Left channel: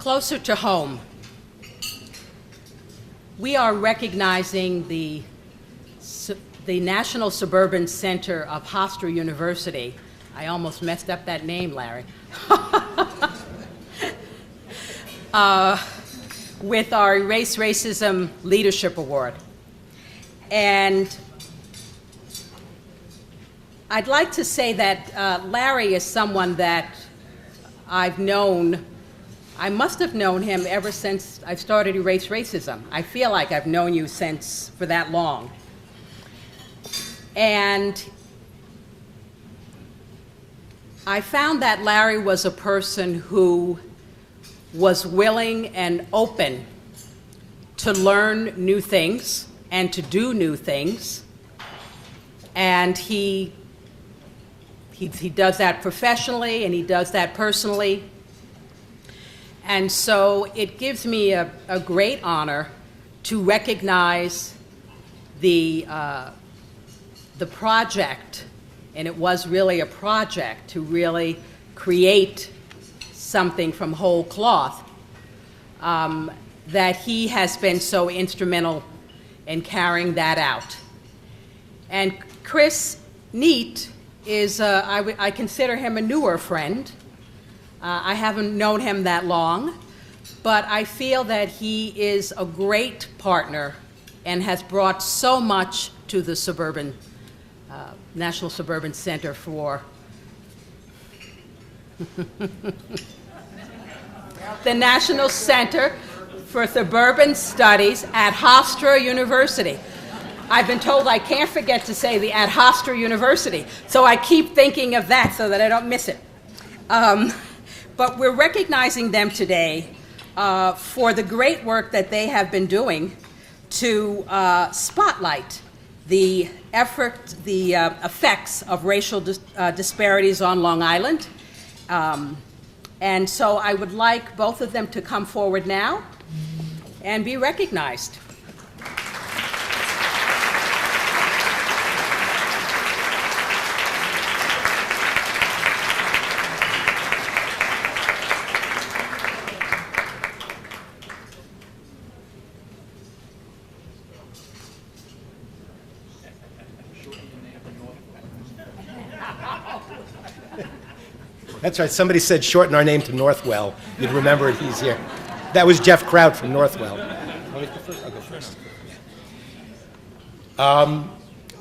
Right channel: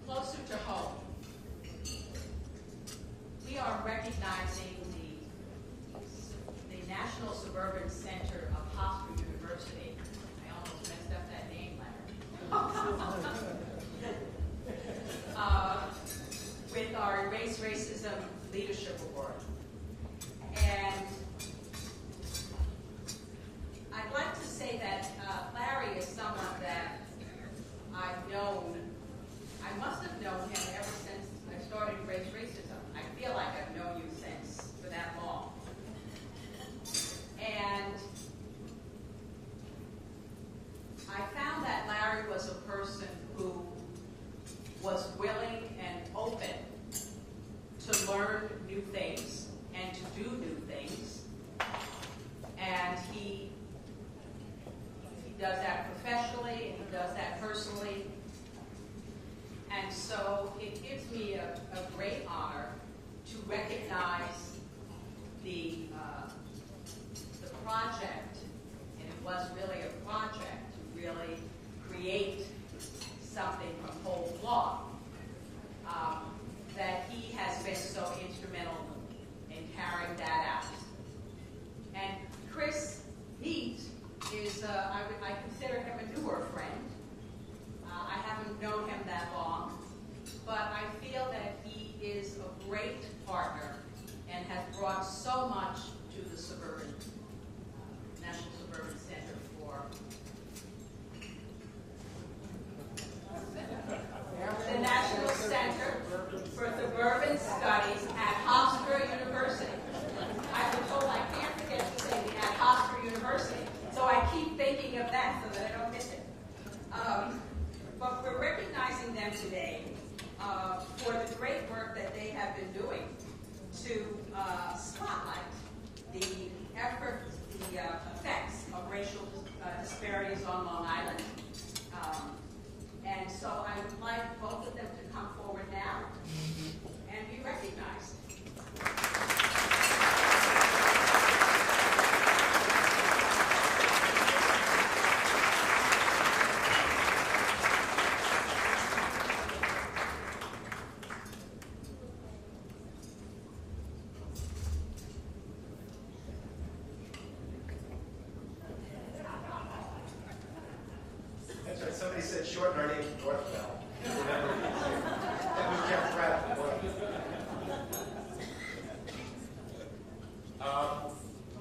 Closer to home, we are recognizing the National Suburban Center of Hofstra University. I almost messed up that name, Larry. With our Erase Racism Leadership Award. And I'd like to say that Larry is someone that I've known. I must have known him ever since I started Erase Racism. I feel like I've known you for that long. And I found that Larry was a person who was willing and open to learn new things and to do new things. And he does that professionally and he does that personally. And so it gives me a great honor to recognize the project, and it was really a project to really create something from whole cloth, that he has been so instrumental in carrying that out. And Chris Neat is, I consider him a newer friend. I haven't known him that long, but I feel that he is a great partner and has brought so much to the National Suburban Center for the National Center for Suburban Studies at Hofstra University. I've been told I can't forget to say the at Hofstra University, so I keep thinking of that so that I don't miss it. But we're recognizing them today for the great work that they have been doing to spotlight the effects of racial disparities on Long Island. And so I would like both of them to come forward now and be recognized. That's right. Somebody said shorten our name to Northwell. You'd remember it. He's here. That was Jeff Crowd from Northwell. I'll go first.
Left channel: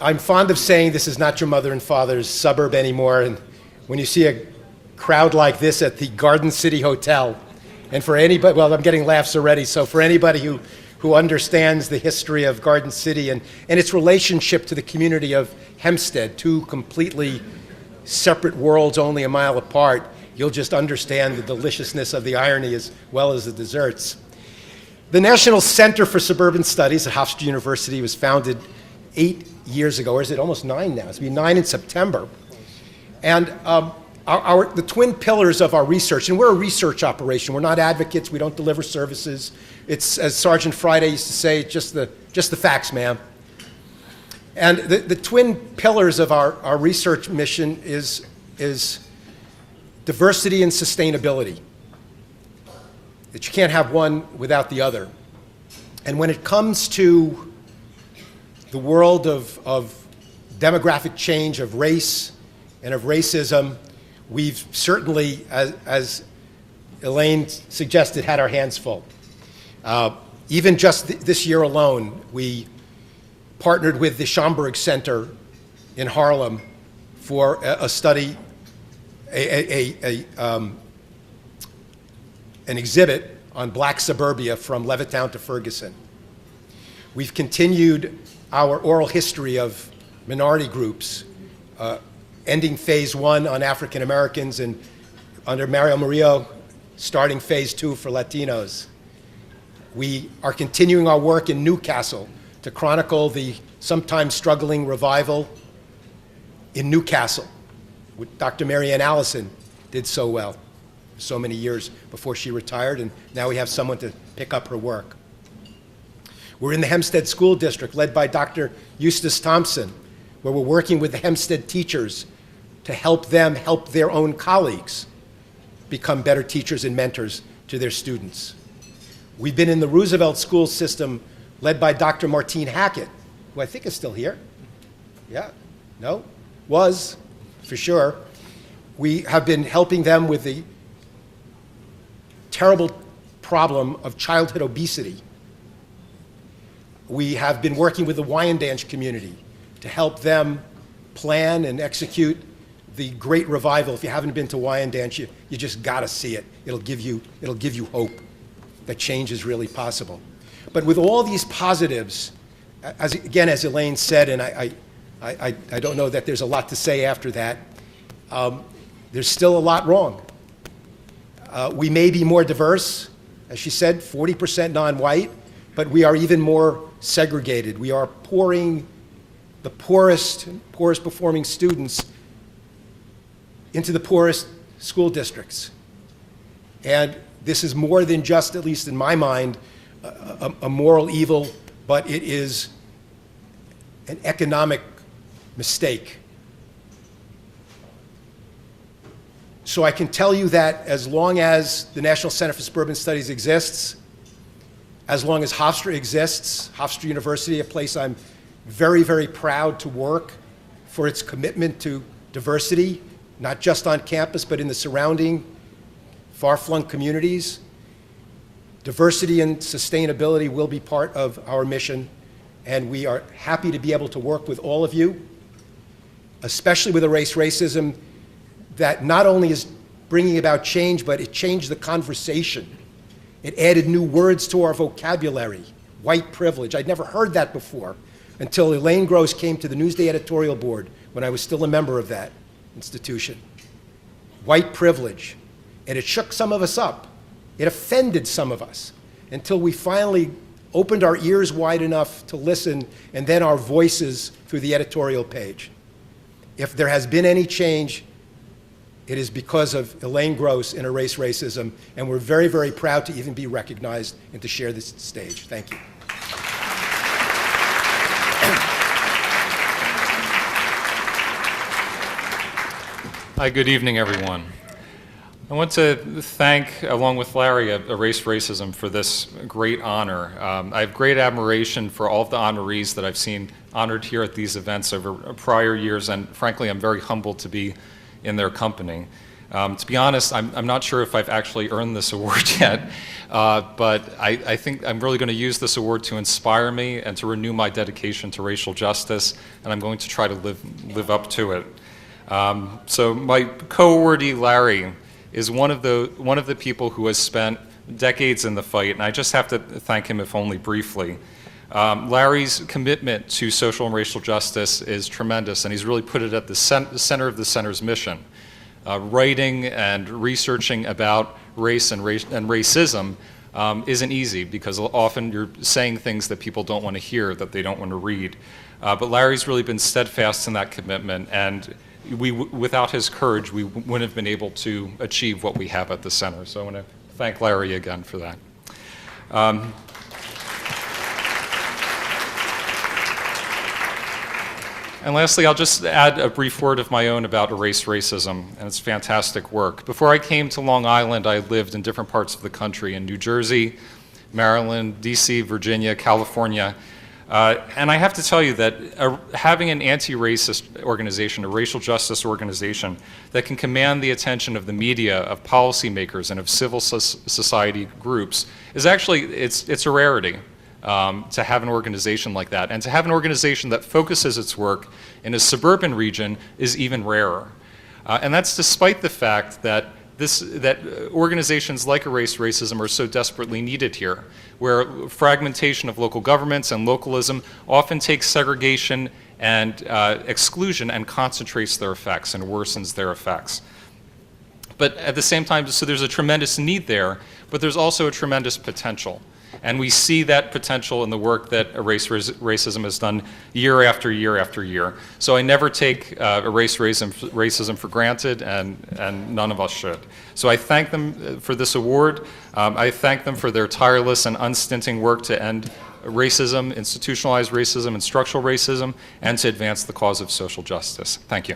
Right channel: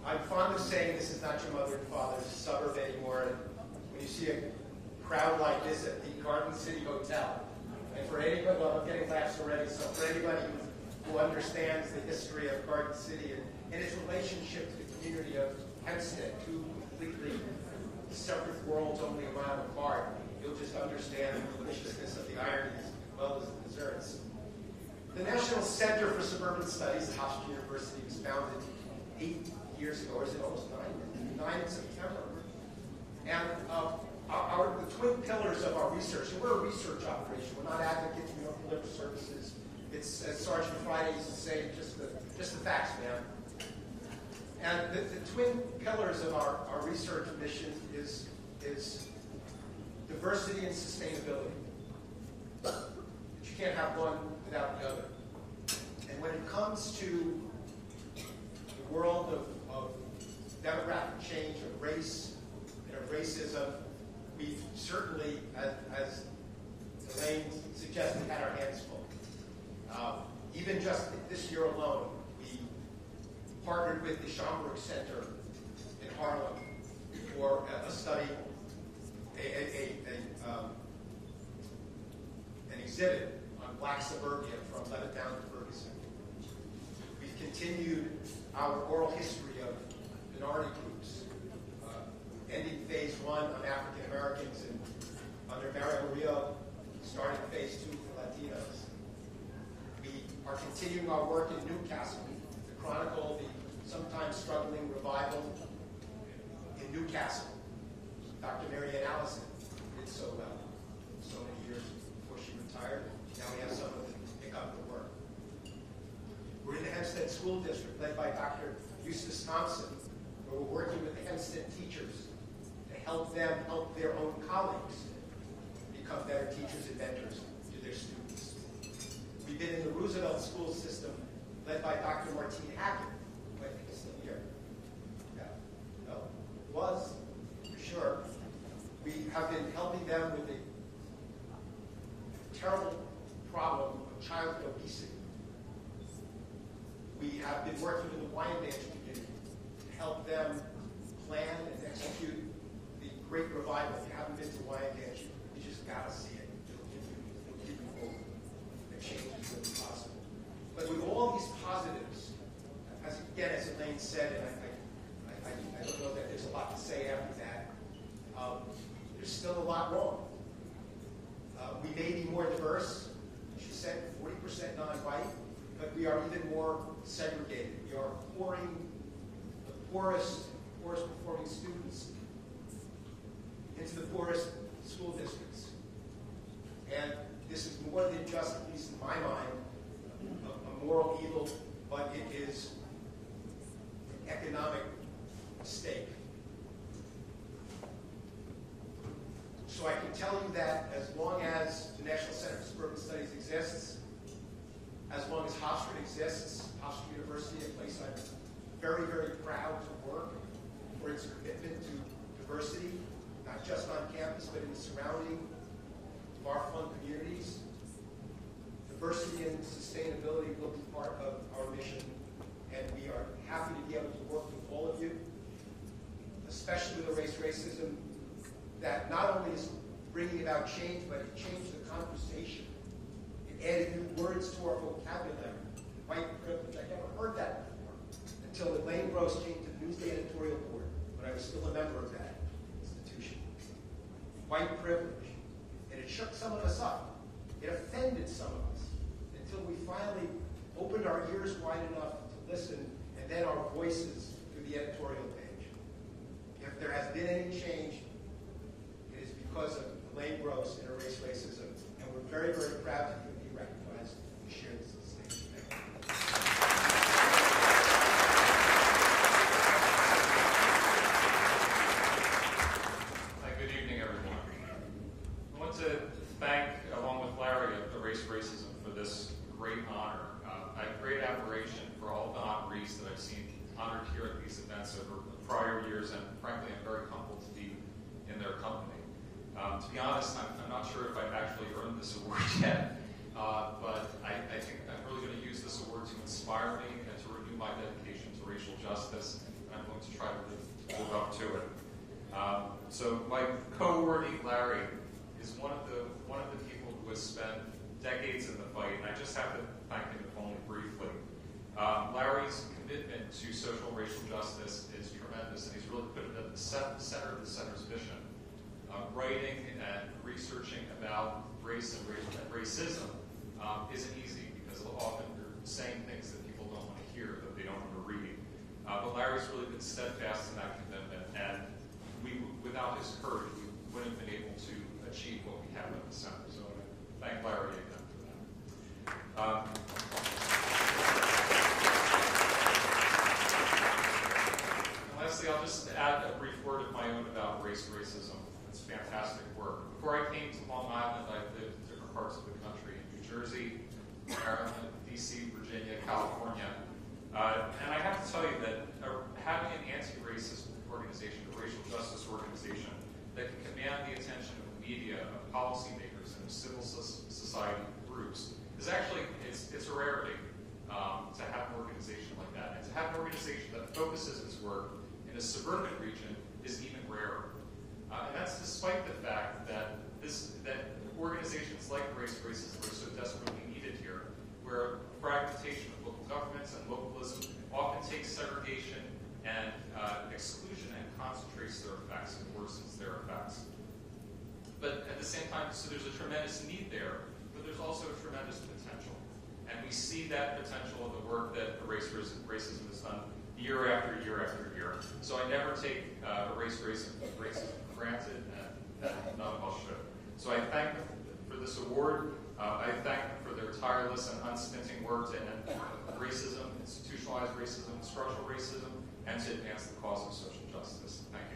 I'm fond of saying this is not your mother and father's suburb anymore. And when you see a crowd like this at the Garden City Hotel, and for anybody, well, I'm getting laughs already. So for anybody who understands the history of Garden City and its relationship to the community of Hempstead, two completely separate worlds only a mile apart, you'll just understand the deliciousness of the irony as well as the desserts. The National Center for Suburban Studies at Hofstra University was founded 8 years ago, or is it almost 9 now? It's going to be 9 in September. And the twin pillars of our research, and we're a research operation. We're not advocates. We don't deliver services. It's, as Sergeant Friday used to say, just the facts, ma'am. And the twin pillars of our research mission is diversity and sustainability. That you can't have one without the other. And when it comes to the world of demographic change, of race and of racism, we've certainly, as Elaine suggested, had our hands full. Even just this year alone, we partnered with the Schomburg Center in Harlem for a study, an exhibit on black suburbia from Levittown to Ferguson. We've continued our oral history of minority groups, ending phase 1 on African Americans and under Mario Murillo, starting phase 2 for Latinos. We are continuing our work in Newcastle to chronicle the sometimes struggling revival in Newcastle, which Dr. Marianne Allison did so well for so many years before she retired, and now we have someone to pick up her work. We're in the Hempstead School District, led by Dr. Eustace Thompson, where we're working with the Hempstead teachers to help them help their own colleagues become better teachers and mentors to their students. We've been in the Roosevelt school system led by Dr. Martine Hackett, who I think is still here. Yeah? No? Was, for sure. We have been helping them with the terrible problem of childhood obesity. We have been working with the Wyandanch community to help them plan and execute the great revival. If you haven't been to Wyandanch, you just got to see it. It'll give you hope that change is really possible. But with all these positives, as Elaine said, and I don't know that there's a lot to say after that, there's still a lot wrong. We may be more diverse, as she said, 40% non-white, but we are even more segregated. We are pouring the poorest performing students into the poorest school districts. And this is more than just, at least in my mind, a moral evil, but it is an economic mistake. So I can tell you that as long as the National Center for Suburban Studies exists, as long as Hofstra exists, Hofstra University, a place I'm very, very proud to work for its commitment to diversity, not just on campus, but in the surrounding far-flung communities. Diversity and sustainability will be part of our mission, and we are happy to be able to work with all of you, especially with erase racism, that not only is bringing about change, but it changed the conversation. It added new words to our vocabulary. White privilege. I'd never heard that before until Elaine Gross came to the Newsday editorial board when I was still a member of that institution. White privilege. And it shook some of us up. It offended some of us until we finally opened our ears wide enough to listen, and then our voices through the editorial page. If there has been any change, it is because of Elaine Gross and Erase Racism, and we're very, very proud to even be recognized and to share this stage. Thank you. Hi, good evening, everyone. I want to thank, along with Larry, Erase Racism for this great honor. I have great admiration for all of the honorees that I've seen honored here at these events over prior years, and frankly, I'm very humbled to be in their company. To be honest, I'm not sure if I've actually earned this award yet, but I think I'm really going to use this award to inspire me and to renew my dedication to racial justice, and I'm going to try to live up to it. So my co-awardee, Larry, is one of the people who has spent decades in the fight, and I just have to thank him, if only briefly. Larry's commitment to social and racial justice is tremendous, and he's really put it at the center of the center's mission. Writing and researching about race and racism isn't easy, because often you're saying things that people don't want to hear, that they don't want to read. But Larry's really been steadfast in that commitment, and without his courage, we wouldn't have been able to achieve what we have at the center. So I want to thank Larry again for that. And lastly, I'll just add a brief word of my own about Erase Racism and its fantastic work. Before I came to Long Island, I lived in different parts of the country, in New Jersey, Maryland, DC, Virginia, California. And I have to tell you that having an anti-racist organization, a racial justice organization that can command the attention of the media, of policymakers, and of civil society groups is actually, it's a rarity. To have an organization like that, and to have an organization that focuses its work in a suburban region is even rarer. And that's despite the fact that organizations like Erase Racism are so desperately needed here, where fragmentation of local governments and localism often takes segregation and exclusion and concentrates their effects and worsens their effects. But at the same time, so there's a tremendous need there, but there's also a tremendous potential. And we see that potential in the work that Erase Racism has done year after year after year. So I never take Erase Racism for granted, and none of us should. So I thank them for this award. I thank them for their tireless and unstinting work to end racism, institutionalized racism, and structural racism, and to advance the cause of social justice. Thank you.